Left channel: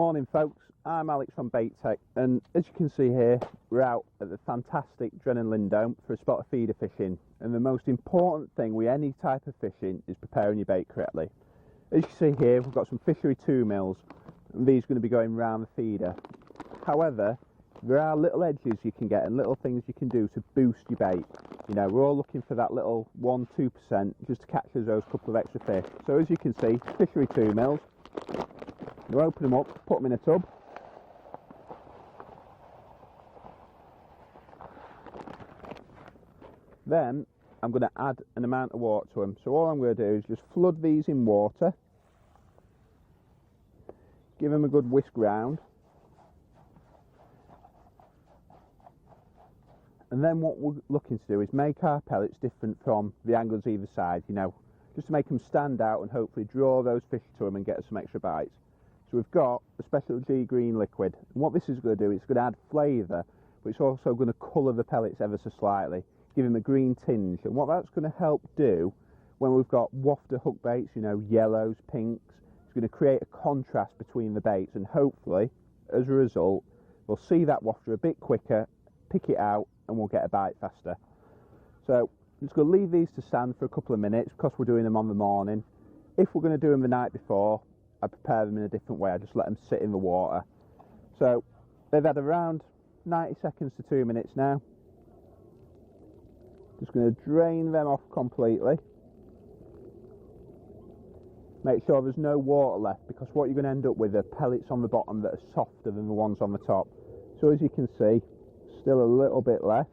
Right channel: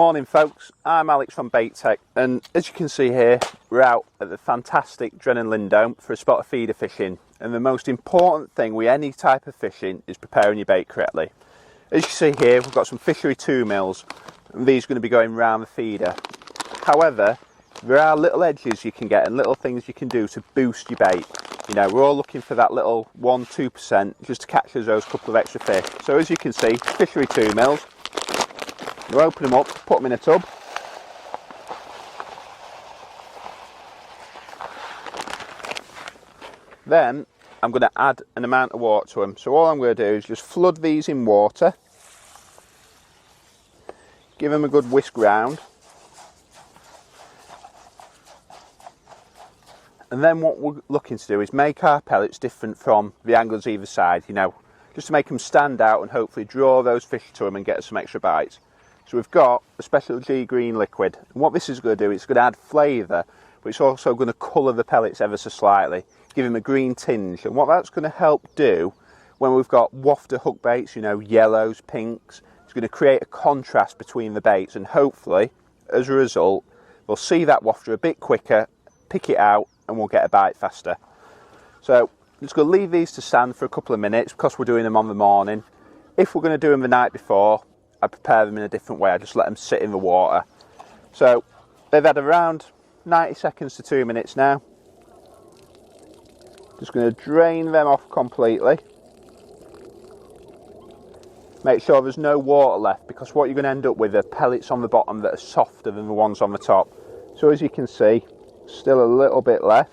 Morning folks, I'm Alex from Bait Tech, and as you can see here, we're out at the fantastic Drennan Lindholme for a spot of feeder fishing. And the most important thing with any type of fishing is preparing your bait correctly. As you see here, we've got some fishery 2 mils, and these are going to be going round the feeder. However, there are little edges you can get and little things you can do to boost your bait. You know, we're all looking for that little 1-2% just to catch us those couple of extra fish. So as you can see, fishery 2 mils. We'll open them up, put them in a tub. Then I'm going to add an amount of water to them. So all I'm going to do is just flood these in water. Give them a good whisk round. And then what we're looking to do is make our pellets different from the anglers either side, you know, just to make them stand out and hopefully draw those fish to them and get us some extra bites. So we've got a special G green liquid, and what this is going to do, it's going to add flavour, but it's also going to colour the pellets ever so slightly, give them a green tinge. And what that's going to help do when we've got wafter hook baits, you know, yellows, pinks, it's going to create a contrast between the baits, and hopefully, as a result, we'll see that wafter a bit quicker, pick it out, and we'll get a bite faster. So I'm just going to leave these to stand for a couple of minutes because we're doing them on the morning. If we're going to do them the night before, I prepare them in a different way. I just let them sit in the water. So they've had around 90 seconds to 2 minutes now. Just going to drain them off completely. Make sure there's no water left, because what you're going to end up with are pellets on the bottom that are softer than the ones on the top. So as you can see, still a little bit left.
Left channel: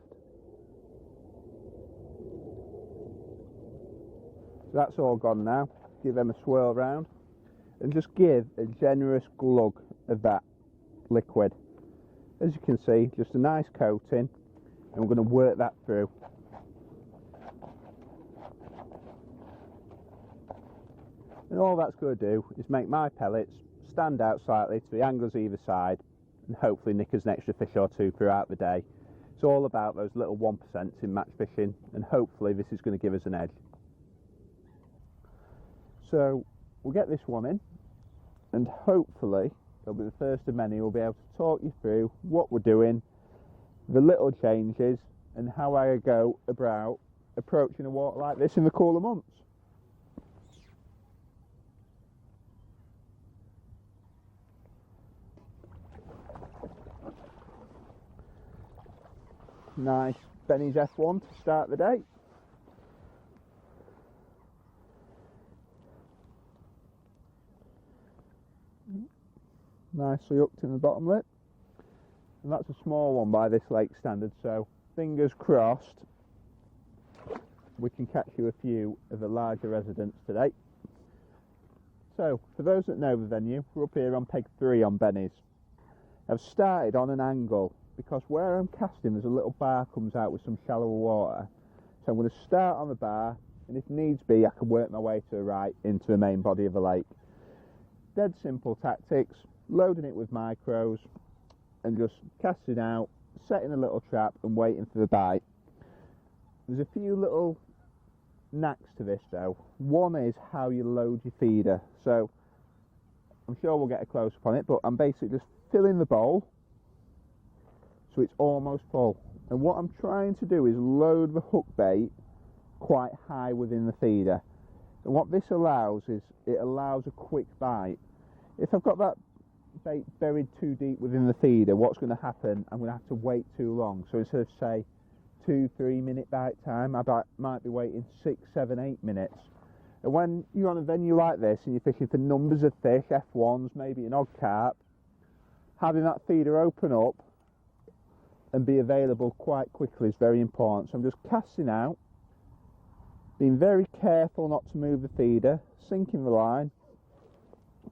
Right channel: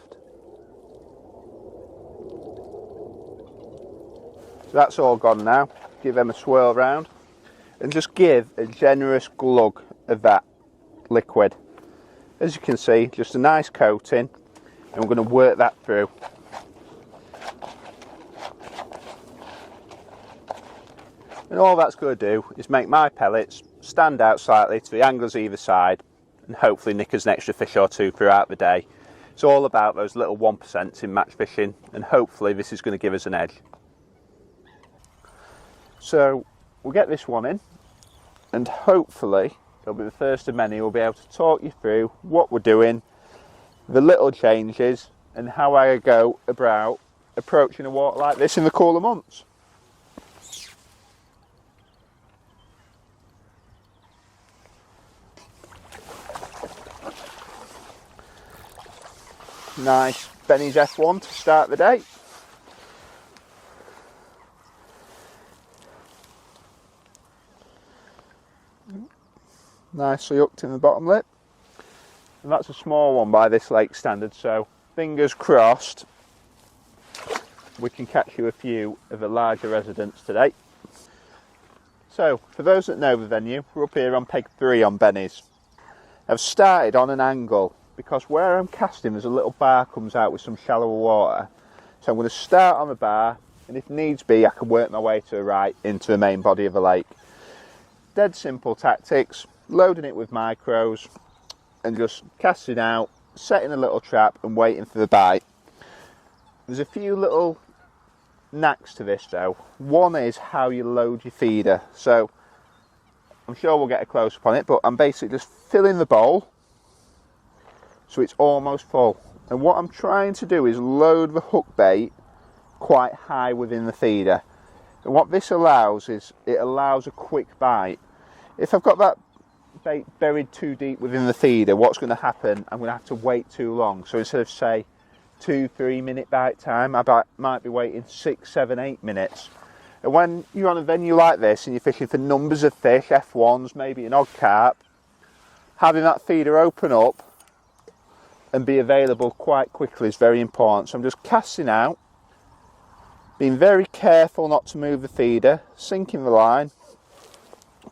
So that's all gone now. Give them a swirl round. And just give a generous glug of that liquid. As you can see, just a nice coating, and we're going to work that through. And all that's going to do is make my pellets stand out slightly to the anglers either side, and hopefully nick us an extra fish or two throughout the day. It's all about those little 1% in match fishing, and hopefully this is going to give us an edge. So we'll get this one in, and hopefully it'll be the first of many. We'll be able to talk you through what we're doing, the little changes, and how I go about approaching a water like this in the cooler months. Nice Benny's F1 to start the day. Nicely hooked in the bottom lip, and that's a small one by this lake standard, so fingers crossed we can catch you a few of the larger residents today. So for those that know the venue, we're up here on peg 3 on Benny's. I've started on an angle because where I'm casting there's a little bar comes out with some shallower water, so I'm going to start on the bar, and if needs be I can work my way to the right into the main body of the lake. Dead simple tactics. Loading it with micros and just casting out, setting a little trap and waiting for the bite. There's a few little knacks to this though. One is how you load your feeder. So I'm sure we'll get a close up on it, but I'm basically just filling the bowl so it's almost full. And what I'm trying to do is load the hook bait quite high within the feeder. And what this allows is it allows a quick bite. If I've got that bait buried too deep within the feeder, what's going to happen, I'm going to have to wait too long. So instead of say 2-3 minute bite time, I might be waiting 6, 7, 8 minutes. And when you're on a venue like this and you're fishing for numbers of fish, F1s, maybe an odd carp, having that feeder open up and be available quite quickly is very important. So I'm just casting out, being very careful not to move the feeder, sinking the line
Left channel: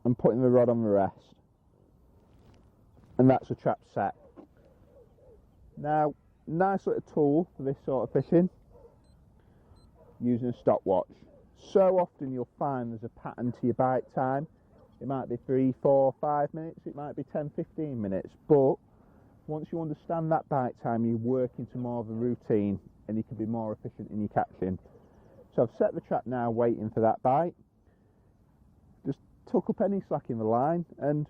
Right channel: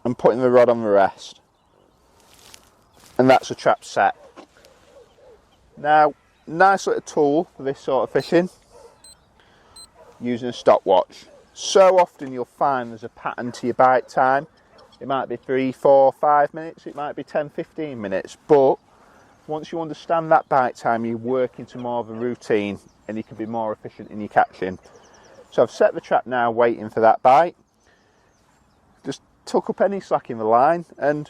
and putting the rod on the rest. And that's a trap set. Now, nice little tool for this sort of fishing, using a stopwatch. So often you'll find there's a pattern to your bite time. It might be 3, 4, 5 minutes, it might be 10, 15 minutes, but once you understand that bite time, you work into more of a routine and you can be more efficient in your catching. So I've set the trap now, waiting for that bite. Just tuck up any slack in the line, and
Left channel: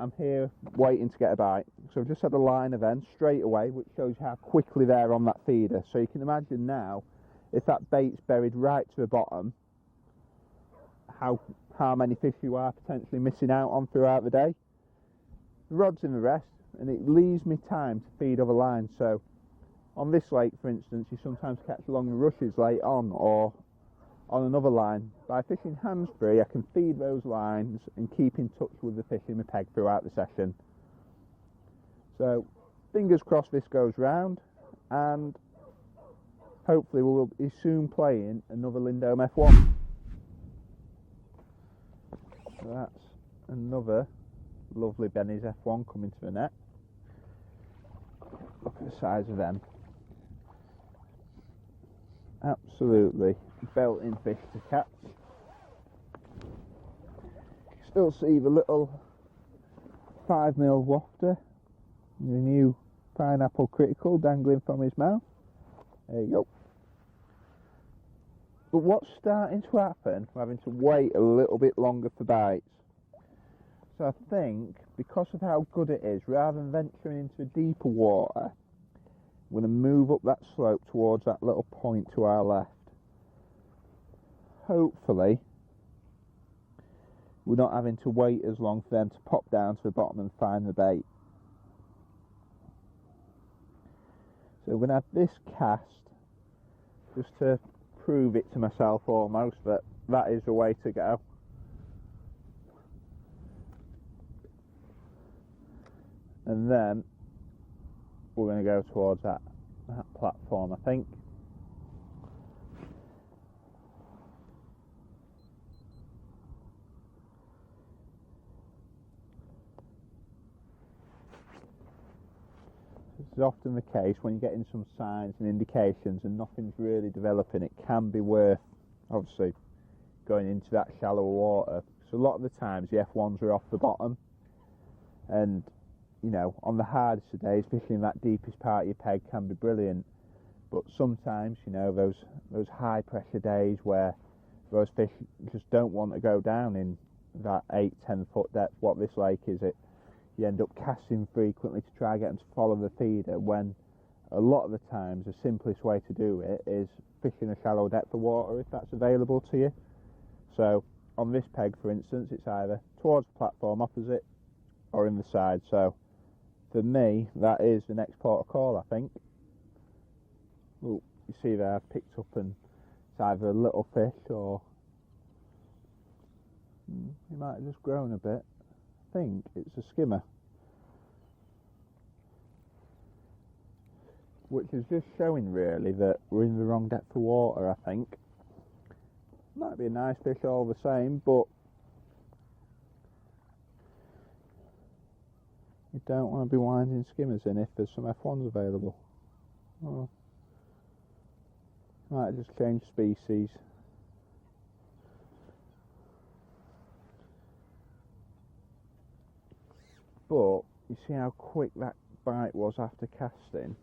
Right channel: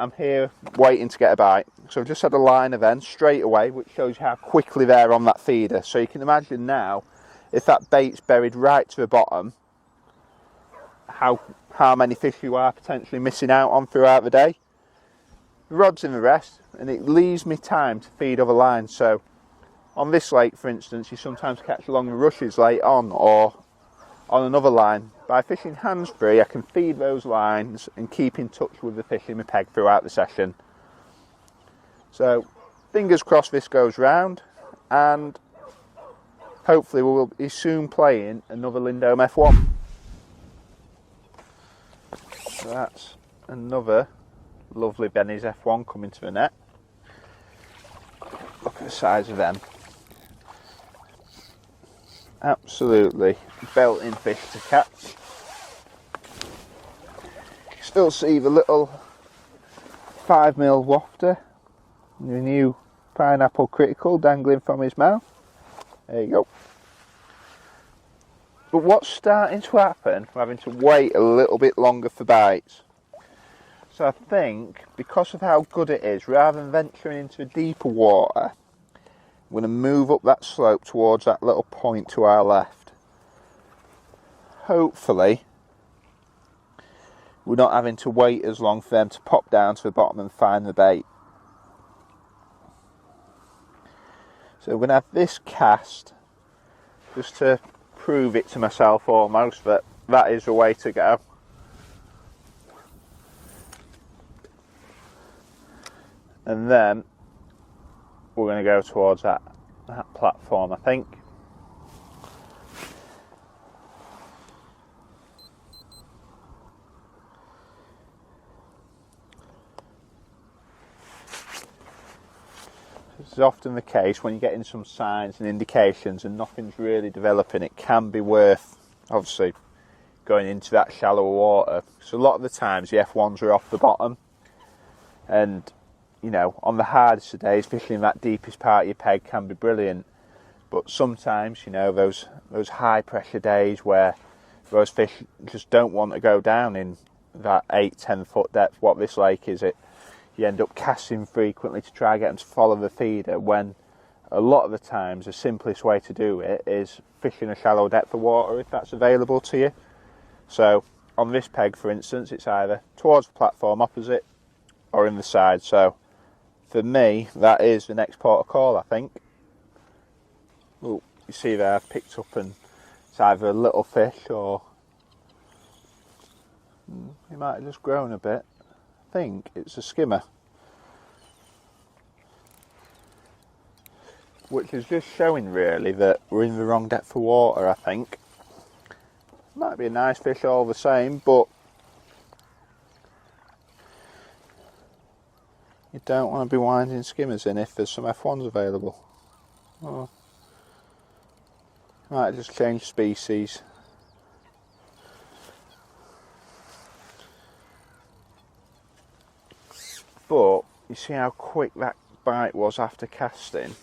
I'm here waiting to get a bite. So I've just had a liner then straight away, which shows you how quickly they're on that feeder. So you can imagine now, if that bait's buried right to the bottom, how many fish you are potentially missing out on throughout the day. The rod's in the rest, and it leaves me time to feed other lines. So on this lake, for instance, you sometimes catch along the rushes late on, or on another line. By fishing hands-free, I can feed those lines and keep in touch with the fish in my peg throughout the session. So fingers crossed this goes round, and hopefully we'll be soon playing another Lindholme F1. So that's another lovely Benny's F1 coming to the net. Look at the size of them. Absolutely belting fish to catch. Still see the little 5mm wafter, the new pineapple critical dangling from his mouth. There you go. But what's starting to happen, we're having to wait a little bit longer for bites. So I think, because of how good it is, rather than venturing into deeper water, I'm going to move up that slope towards that little point to our left. Hopefully, we're not having to wait as long for them to pop down to the bottom and find the bait. So we're going to have this cast, just to prove it to myself almost, that that is the way to go. And then we're going to go towards that platform, I think. This is often the case when you're getting some signs and indications and nothing's really developing. It can be worth, obviously, going into that shallower water. So a lot of the times the F1s are off the bottom, and you know, on the hardest of days, fishing in that deepest part of your peg can be brilliant. But sometimes, you know, those high pressure days where those fish just don't want to go down in that 8-10 foot depth, what this lake is, you end up casting frequently to try and get them to follow the feeder, when a lot of the times the simplest way to do it is fishing a shallow depth of water if that's available to you. So on this peg, for instance, it's either towards the platform opposite or in the side. So for me, that is the next port of call, I think. Oh, you see there, I've picked up, and it's either a little fish or he might have just grown a bit. I think it's a skimmer, which is just showing really that we're in the wrong depth of water, I think. Might be a nice fish all the same, but you don't want to be winding skimmers in if there's some F1s available. Oh. Might just change species. But you see how quick that bite was after casting?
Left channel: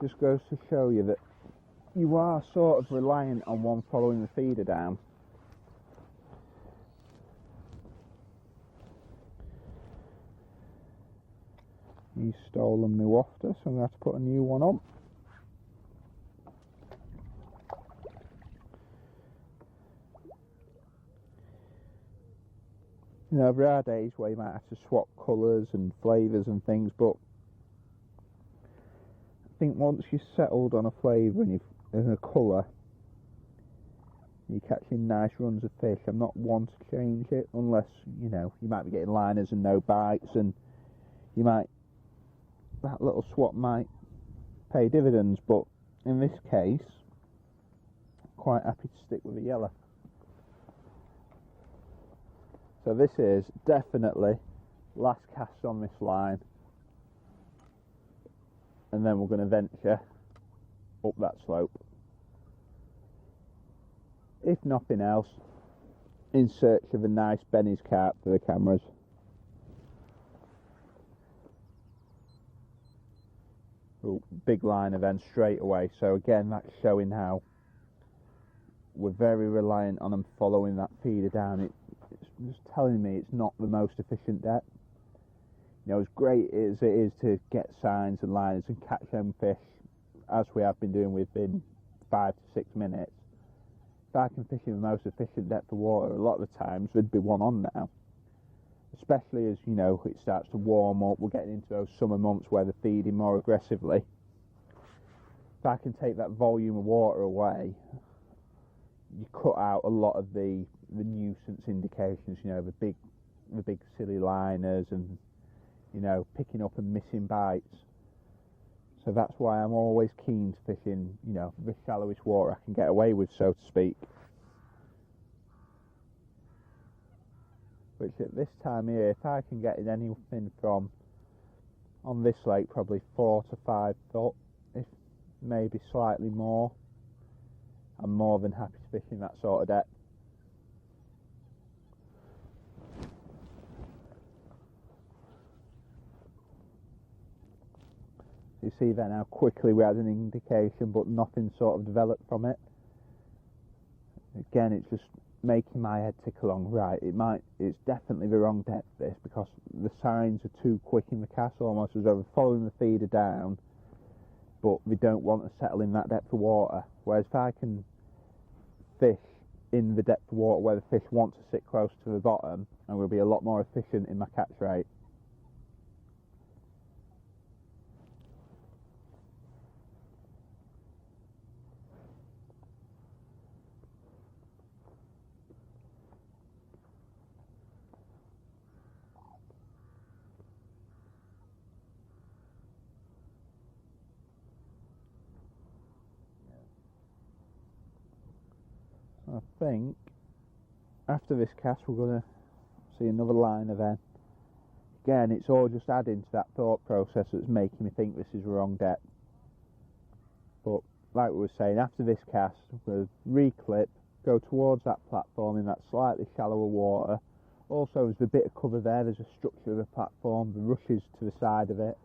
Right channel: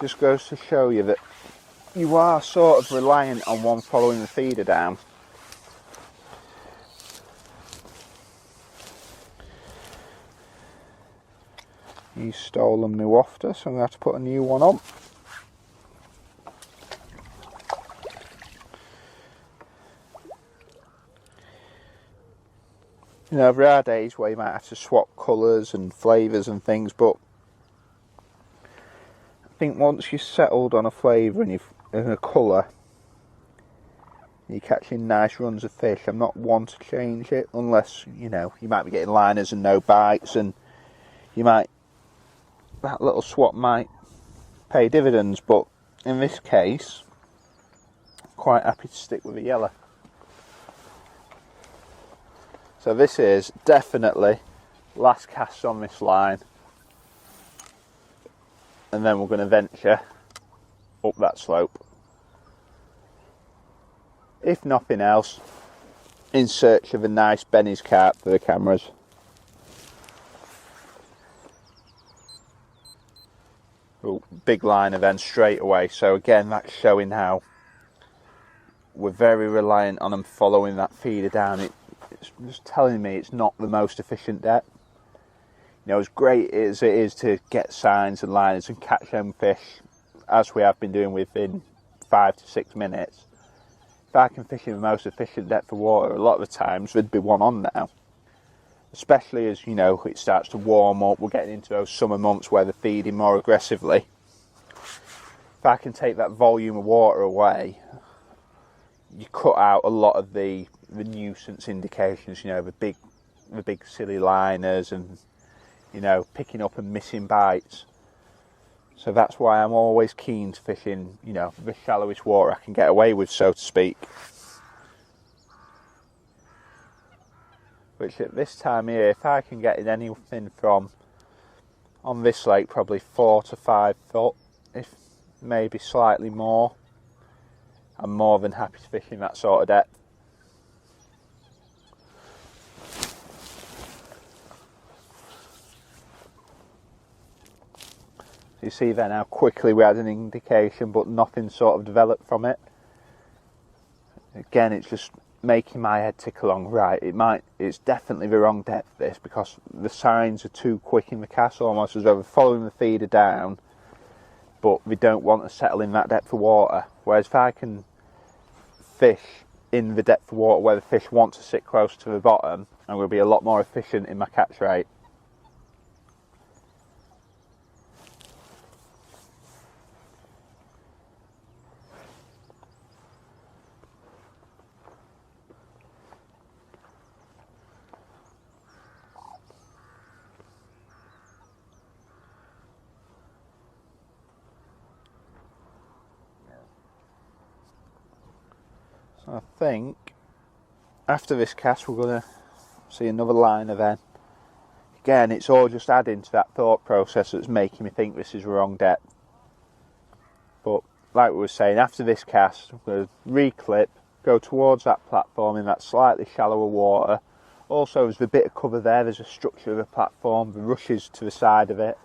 Just goes to show you that you are sort of reliant on one following the feeder down. He's stolen my wafter, so I'm going to have to put a new one on. You know, there are days where you might have to swap colours and flavours and things, but I think once you're settled on a flavour and a colour, you're catching nice runs of fish. I'm not one to change it, unless, you know, you might be getting liners and no bites, and that little swap might pay dividends, but in this case, I'm quite happy to stick with the yellow. So this is definitely last cast on this line, and then we're going to venture up that slope. If nothing else, in search of a nice Benny's carp for the cameras. Oh, big liner then straight away. So again, that's showing how we're very reliant on them following that feeder down. it's just telling me it's not the most efficient depth. You know, as great as it is to get signs and liners and catch them fish, as we have been doing within 5 to 6 minutes, if I can fish in the most efficient depth of water, a lot of the times there'd be one on now. Especially as, you know, it starts to warm up, we're getting into those summer months where they're feeding more aggressively. If I can take that volume of water away, you cut out a lot of the nuisance indications, you know, the big silly liners and, you know, picking up and missing bites. So that's why I'm always keen to fish in, you know, the shallowest water I can get away with, so to speak. Which at this time of year, if I can get in anything from, on this lake, probably 4 to 5 foot, if maybe slightly more, I'm more than happy to fish in that sort of depth. So you see then how quickly we had an indication, but nothing sort of developed from it. Again, it's just making my head tick along. Right, it's definitely the wrong depth, this, because the signs are too quick in the cast, almost as though we're following the feeder down, but we don't want to settle in that depth of water. Whereas if I can fish in the depth of water where the fish want to sit close to the bottom, I'm going to be a lot more efficient in my catch rate. I think after this cast we're going to see another liner then. Again, it's all just adding to that thought process that's making me think this is the wrong depth. But like we were saying, after this cast I'm going to reclip, go towards that platform in that slightly shallower water. Also there's the bit of cover there's a structure of the platform, the rushes to the side of it.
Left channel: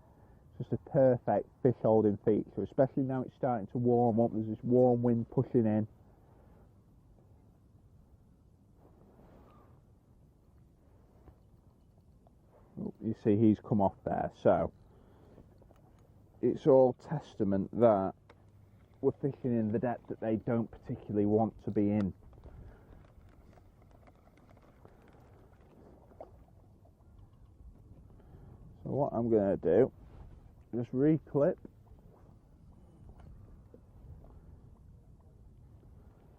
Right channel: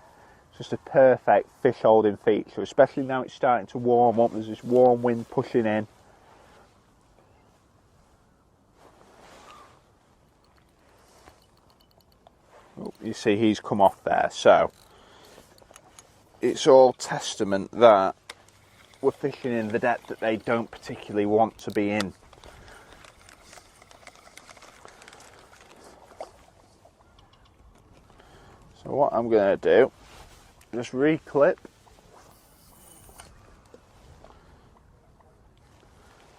It's just a perfect fish holding feature, especially now it's starting to warm up, there's this warm wind pushing in. You see he's come off there, so it's all testament that we're fishing in the depth that they don't particularly want to be in. So what I'm going to do, just reclip.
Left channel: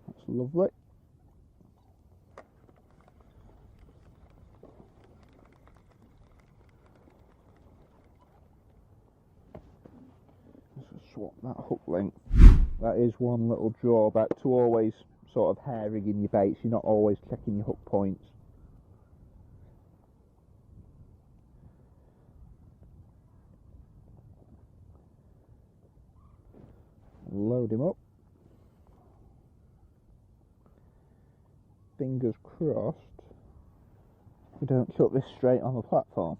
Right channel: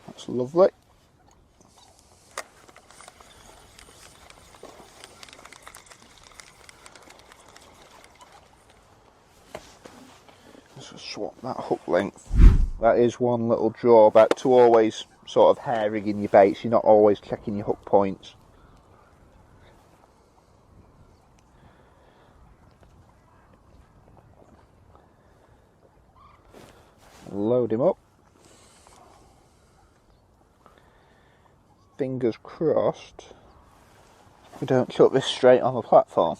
That's lovely. Swap that hook length. That is one little drawback to always sort of hair rigging your baits. You're not always checking your hook points. Load him up. Fingers crossed we don't chuck this straight on the platform.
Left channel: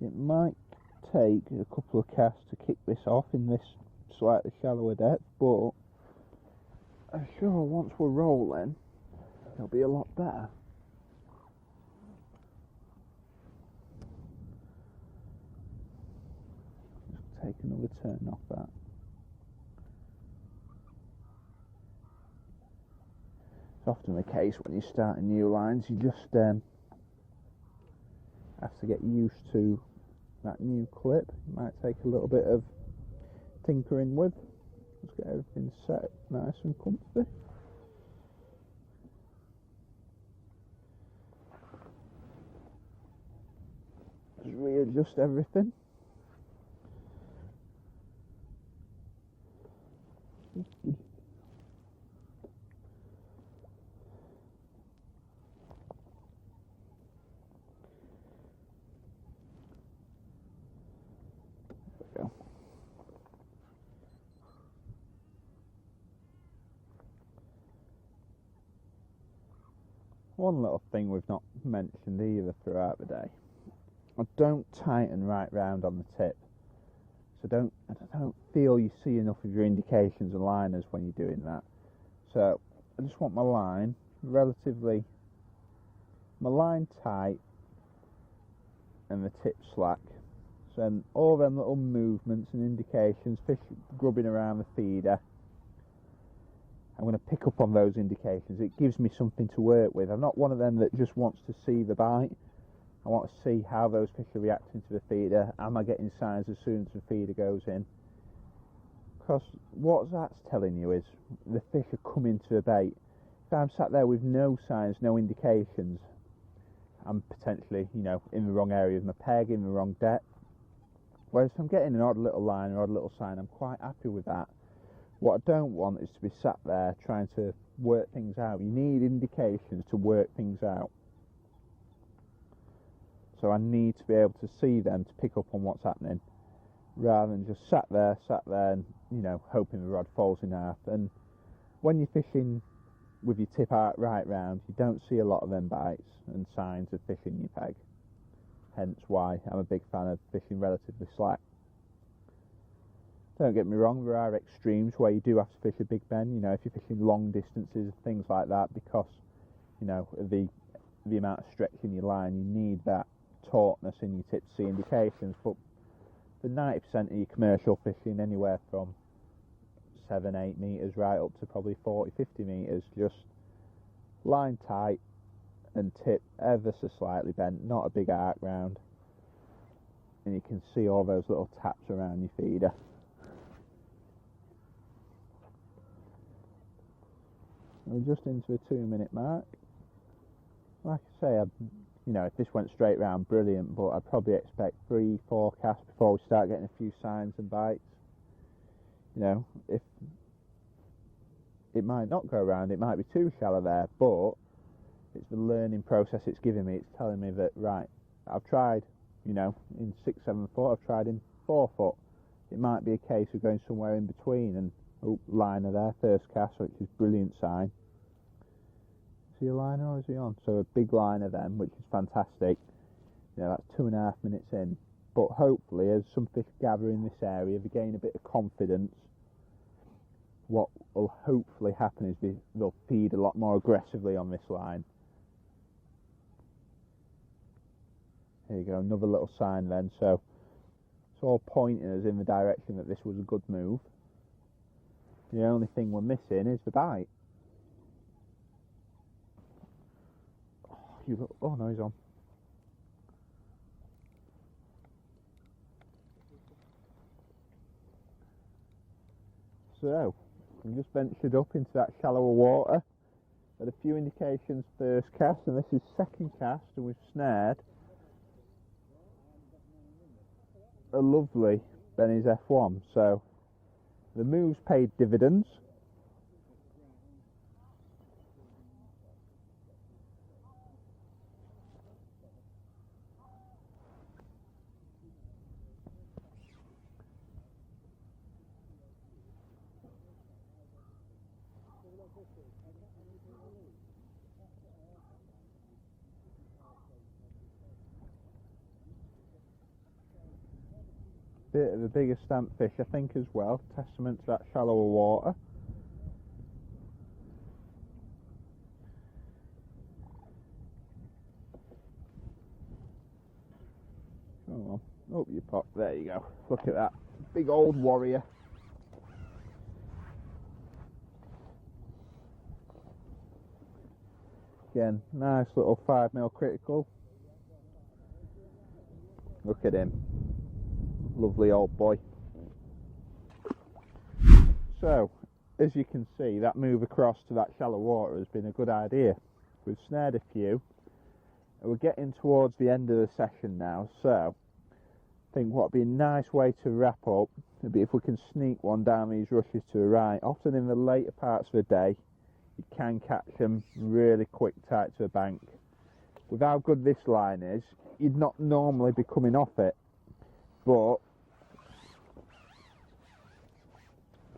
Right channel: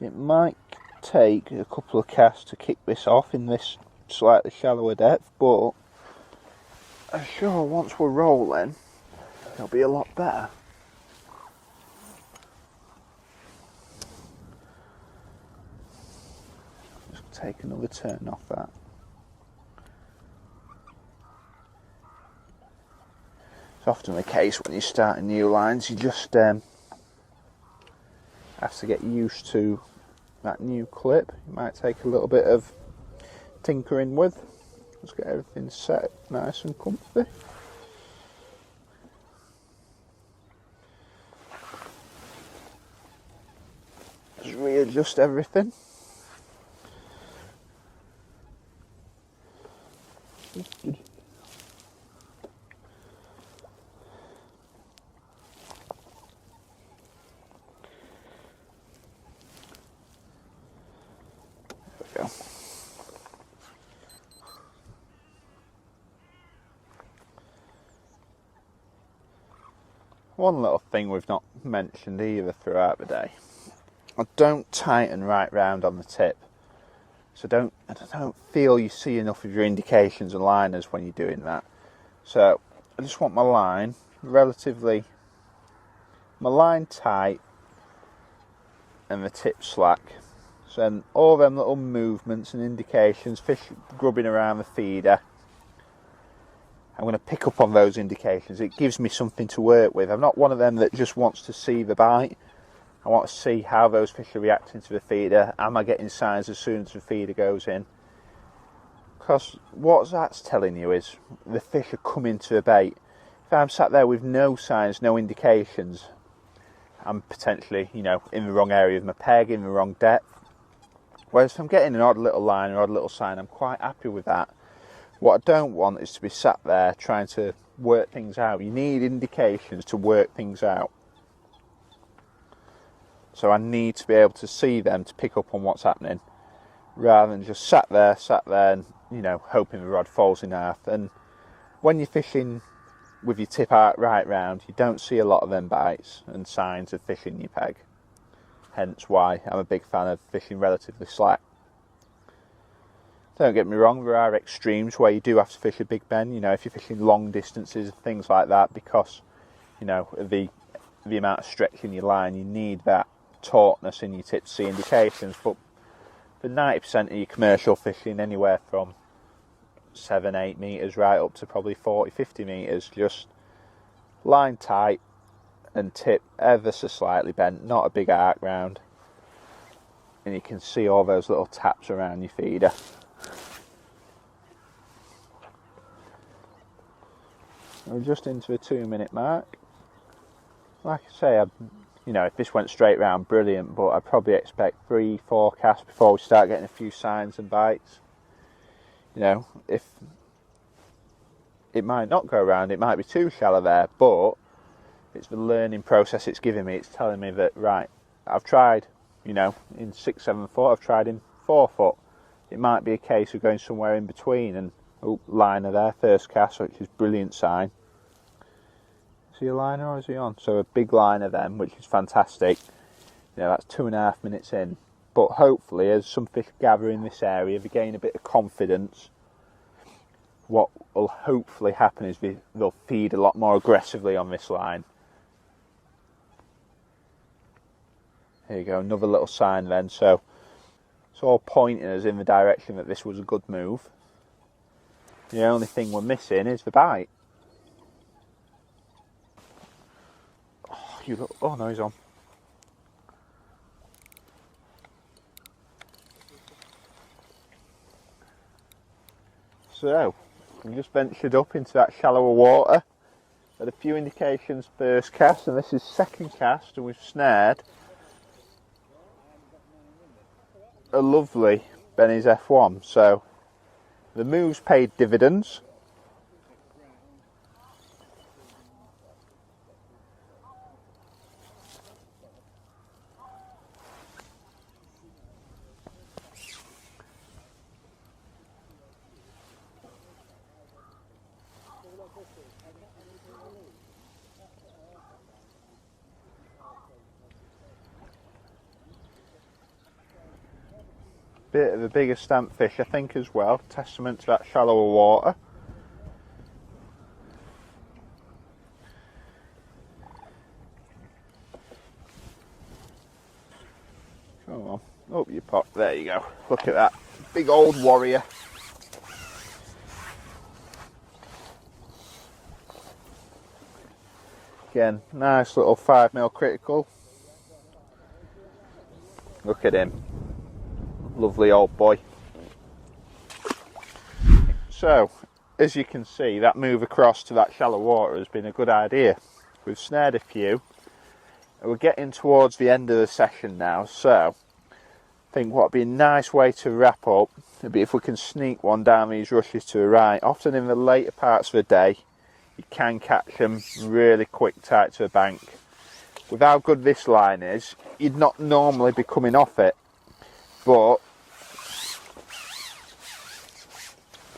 It might take a couple of casts to kick this off in this slightly shallower depth, but I'm sure once we're rolling it'll be a lot better. Just take another turn off that. It's often the case when you're starting new lines, you just have to get used to that new clip. It might take a little bit of tinkering with. Let's get everything set nice and comfy. Just readjust everything. Go. One little thing we've not mentioned either throughout the day, I don't tighten right round on the tip, so I don't feel you see enough of your indications and liners when you're doing that. So I just want my line tight and the tip slack. So then all them little movements and indications, fish grubbing around the feeder, I'm going to pick up on those indications. It gives me something to work with. I'm not one of them that just wants to see the bite. I want to see how those fish are reacting to the feeder. Am I getting signs as soon as the feeder goes in? Because what that's telling you is the fish are coming to a bait. If I'm sat there with no signs, no indications, I'm potentially, you know, in the wrong area of my peg, in the wrong depth. Whereas if I'm getting an odd little line or odd little sign, I'm quite happy with that. What I don't want is to be sat there trying to work things out. You need indications to work things out. So I need to be able to see them to pick up on what's happening, rather than just sat there and, you know, hoping the rod falls in half. And when you're fishing with your tip out right round, you don't see a lot of them bites and signs of fish in your peg. Hence why I'm a big fan of fishing relatively slack. Don't get me wrong, there are extremes where you do have to fish a big bend, you know, if you're fishing long distances, things like that, because, you know, the amount of stretch in your line, you need that tautness in your tip to see indications. But for 90% of your commercial fishing, anywhere from 7-8 metres right up to probably 40-50 metres, just line tight and tip ever so slightly bent, not a big arc round, and you can see all those little taps around your feeder. We're just into the 2-minute mark. Like I say, you know, if this went straight round, brilliant, but I'd probably expect 3-4 casts before we start getting a few signs and bites. You know, if it might not go round, it might be too shallow there, but it's the learning process it's giving me. It's telling me that, right, I've tried, you know, in 6-7 foot, I've tried in 4 foot. It might be a case of going somewhere in between, and oh, liner there, first cast, which is brilliant sign. Is he a liner or is he on? So a big liner then, which is fantastic. You know, that's 2.5 minutes in. But hopefully, as some fish gather in this area, they gain a bit of confidence. What will hopefully happen is they'll feed a lot more aggressively on this line. Here you go, another little sign then. So it's all pointing us in the direction that this was a good move. The only thing we're missing is the bite. Oh no, he's on. So, we just ventured up into that shallower water. Had a few indications first cast, and this is second cast, and we've snared a lovely Benny's F1. So, the move's paid dividends. Bit of a bigger stamp fish, I think, as well. Testament to that shallower water. Come on, up you pop. There you go. Look at that big old warrior. Again, nice little 5mm critical. Look at him. Lovely old boy. So, as you can see, that move across to that shallow water has been a good idea. We've snared a few. We're getting towards the end of the session now, so I think what would be a nice way to wrap up would be if we can sneak one down these rushes to the right. Often in the later parts of the day, you can catch them really quick tight to the bank. With how good this line is, you'd not normally be coming off it. But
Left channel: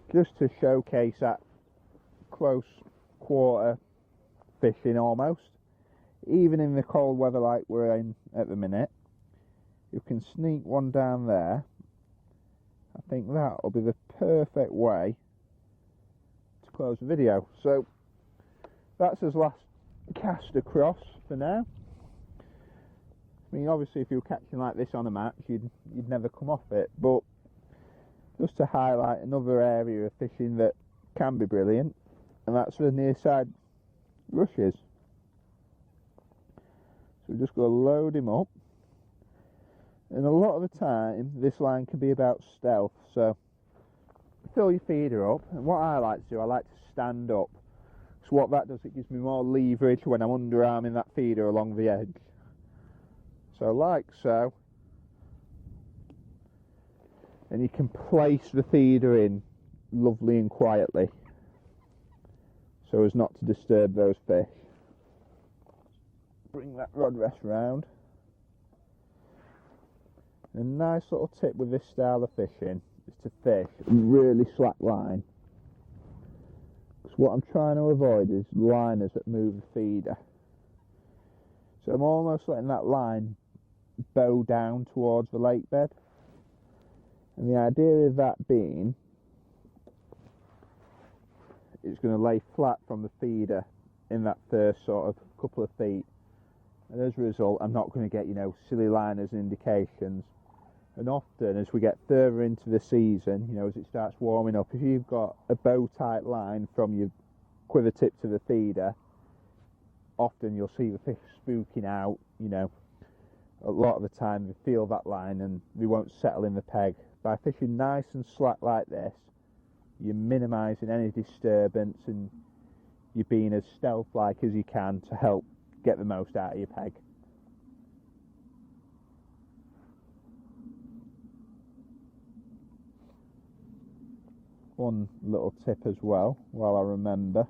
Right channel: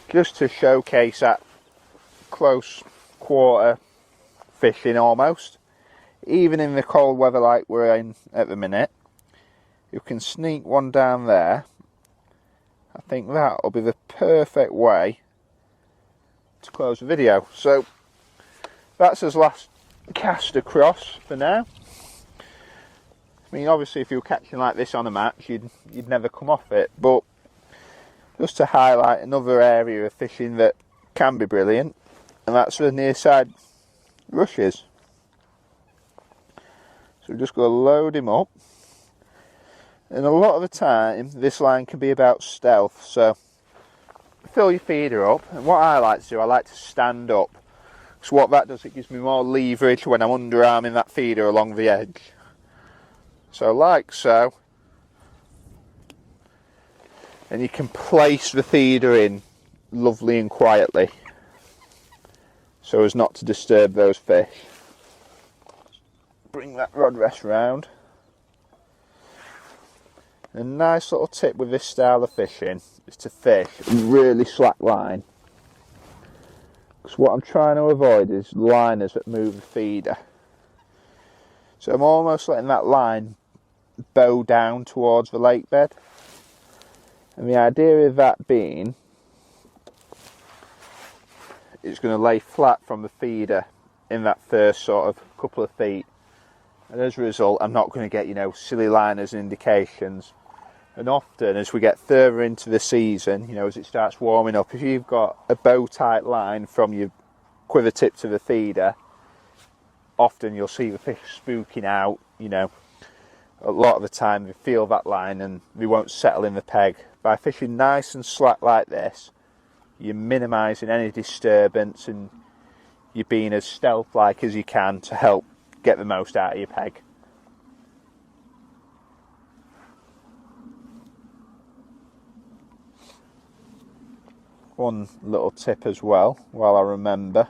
just to showcase that close quarter fishing almost, even in the cold weather like we're in at the minute, you can sneak one down there. I think that'll be the perfect way to close the video. So that's his last cast across for now. I mean, obviously if you were catching like this on a match, you'd never come off it, but just to highlight another area of fishing that can be brilliant, and that's the near side rushes. So we're just going to load him up, and a lot of the time this line can be about stealth, so fill your feeder up, and what I like to do, I like to stand up. So what that does, it gives me more leverage when I'm underarming that feeder along the edge. So like so, and you can place the feeder in lovely and quietly so as not to disturb those fish. Bring that rod rest round. A nice little tip with this style of fishing is to fish really slack line, because what I'm trying to avoid is liners that move the feeder. So I'm almost letting that line bow down towards the lake bed, and the idea of that being it's going to lay flat from the feeder in that first sort of couple of feet, and as a result I'm not going to get, you know, silly liners and indications. And often as we get further into the season, you know, as it starts warming up, if you've got a bow tight line from your quiver tip to the feeder, often you'll see the fish spooking out. You know, a lot of the time they feel that line and they won't settle in the peg. By fishing nice and slack like this, you're minimising any disturbance and you're being as stealth-like as you can to help get the most out of your peg. One little tip as well, while I remember,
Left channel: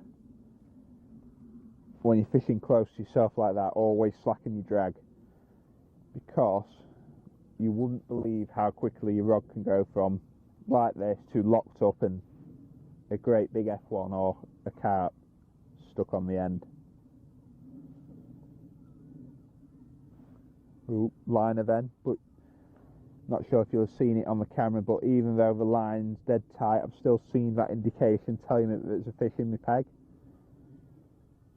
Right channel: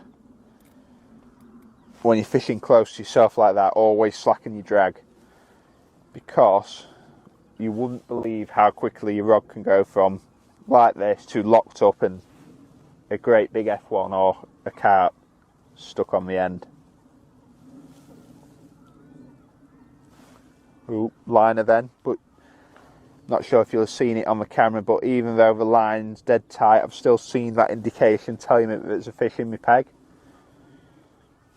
when you're fishing close to yourself like that, always slacken your drag, because you wouldn't believe how quickly your rod can go from like this to locked up and a great big F1 or a carp stuck on the end. Ooh, liner then, but not sure if you'll have seen it on the camera, but even though the line's dead tight, I've still seen that indication telling me that there's a fish in my peg.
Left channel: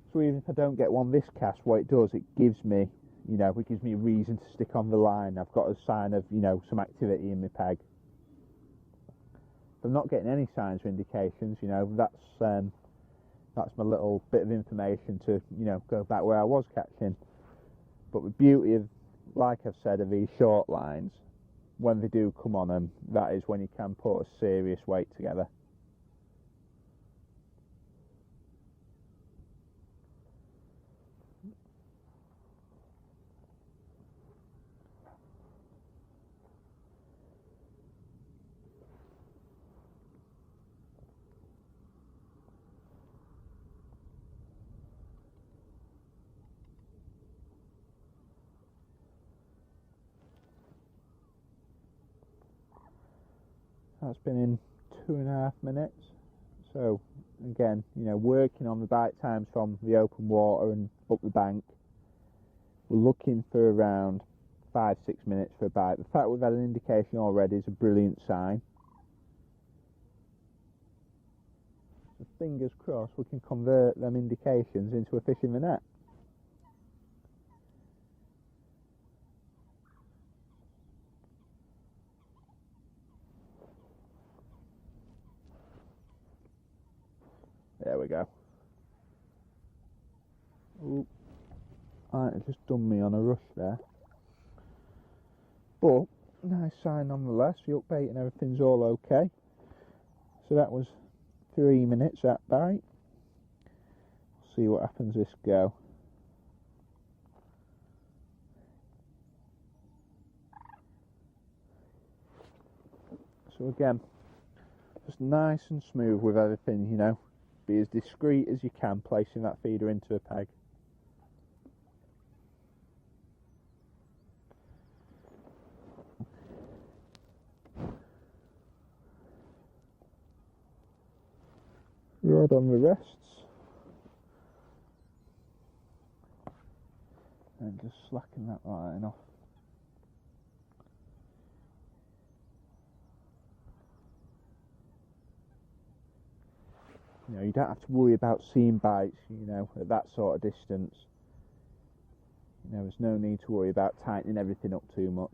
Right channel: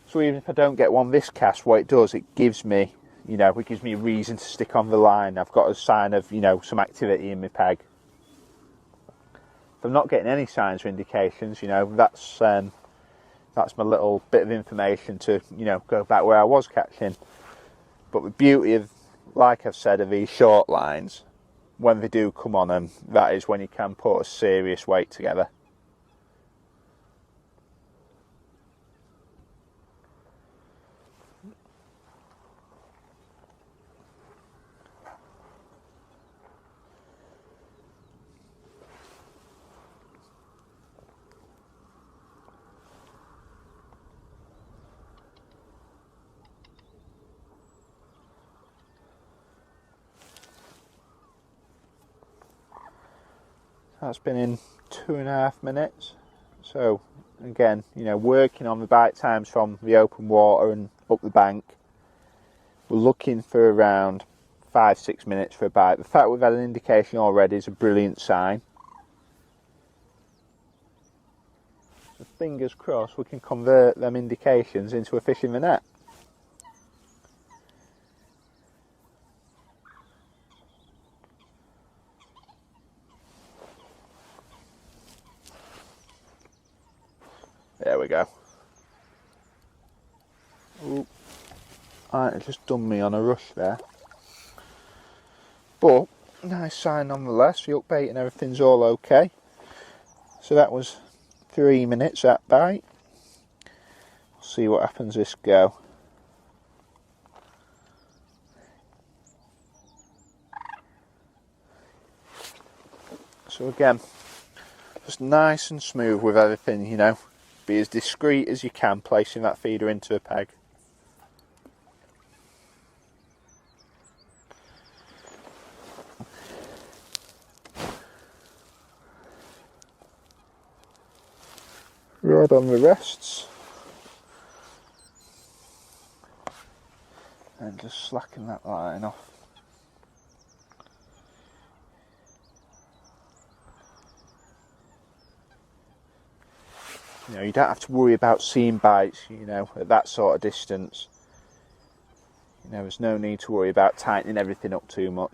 So even if I don't get one this cast, what it does, it gives me, you know, it gives me a reason to stick on the line. I've got a sign of, you know, some activity in my peg. If I'm not getting any signs or indications, you know, that's my little bit of information to, you know, go back where I was catching. But the beauty of, like I've said, of these short lines, when they do come on them, that is when you can put a serious weight together. That's been in 2.5 minutes. So again, you know, working on the bite times from the open water and up the bank, we're looking for around 5-6 minutes for a bite. The fact we've had an indication already is a brilliant sign. So fingers crossed we can convert them indications into a fish in the net. There we go. Ooh. Right, it just done me on a rush there. But, nice sign nonetheless. The hook bait and everything's all okay. So that was 3 minutes, that bite. See what happens this go. So again, just nice and smooth with everything, you know. Be as discreet as you can placing that feeder into a peg. Rod on the rests. And just slacken that line off. You know, you don't have to worry about seeing bites, you know, at that sort of distance. You know, there's no need to worry about tightening everything up too much.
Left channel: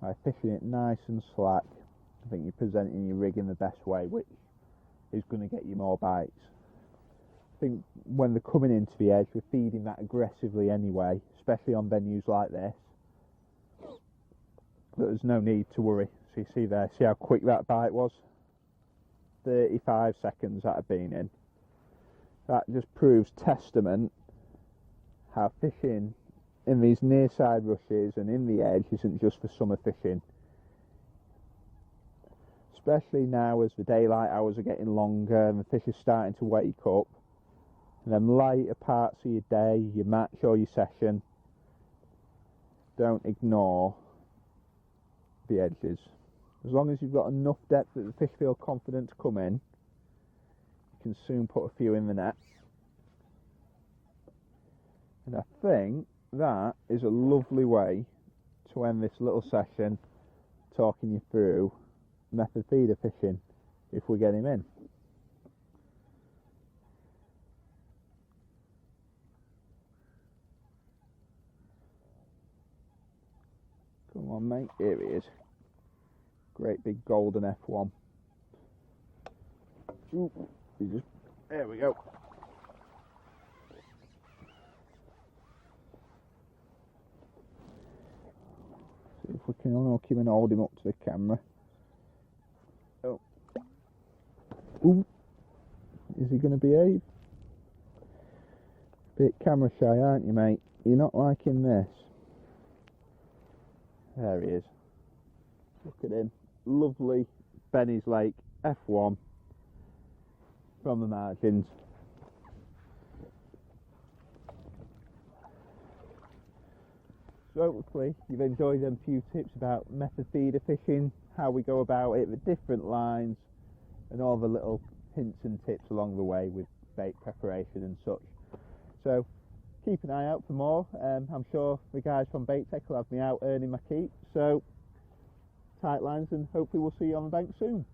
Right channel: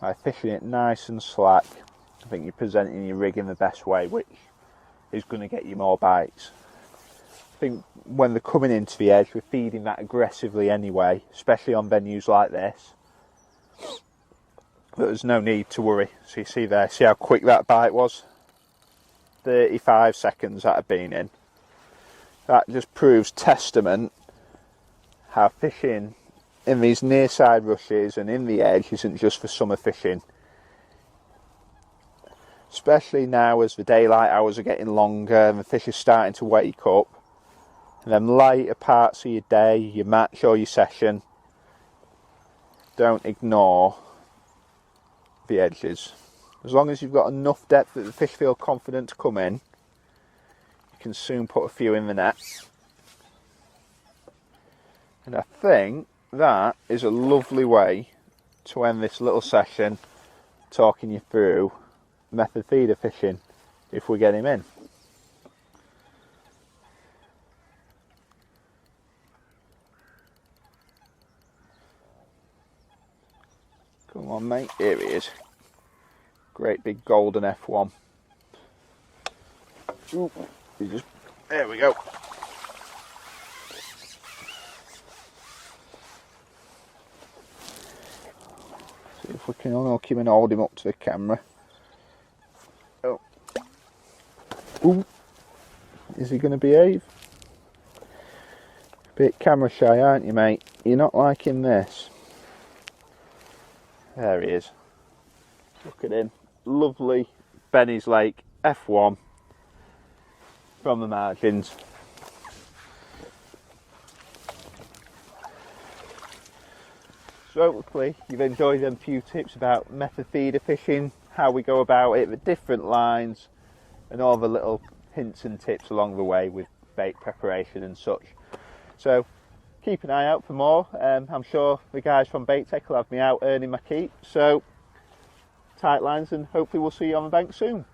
By fishing it nice and slack, I think you're presenting your rig in the best way, which is going to get you more bites. I think when they're coming into the edge, we're feeding that aggressively anyway, especially on venues like this. But there's no need to worry. So you see there, see how quick that bite was? 35 seconds that had been in. That just proves testament how fishing in these near side rushes and in the edge isn't just for summer fishing. Especially now as the daylight hours are getting longer and the fish are starting to wake up. And them lighter parts of your day, your match or your session, don't ignore the edges. As long as you've got enough depth that the fish feel confident to come in, you can soon put a few in the net. And I think that is a lovely way to end this little session, talking you through method feeder fishing if we get him in. Come on mate, here he is. Great big golden F1. Ooh, there we go. See if we can unhook him and hold him up to the camera. Oh. Ooh. Is he going to behave? Bit camera shy, aren't you, mate? You're not liking this. There he is. Look at him. Lovely Lindholme Lakes F1 from the margins. So hopefully you've enjoyed them few tips about method feeder fishing, how we go about it, the different lines, and all the little hints and tips along the way with bait preparation and such. So keep an eye out for more. I'm sure the guys from Bait Tech will have me out earning my keep. So tight lines, and hopefully we'll see you on the bank soon.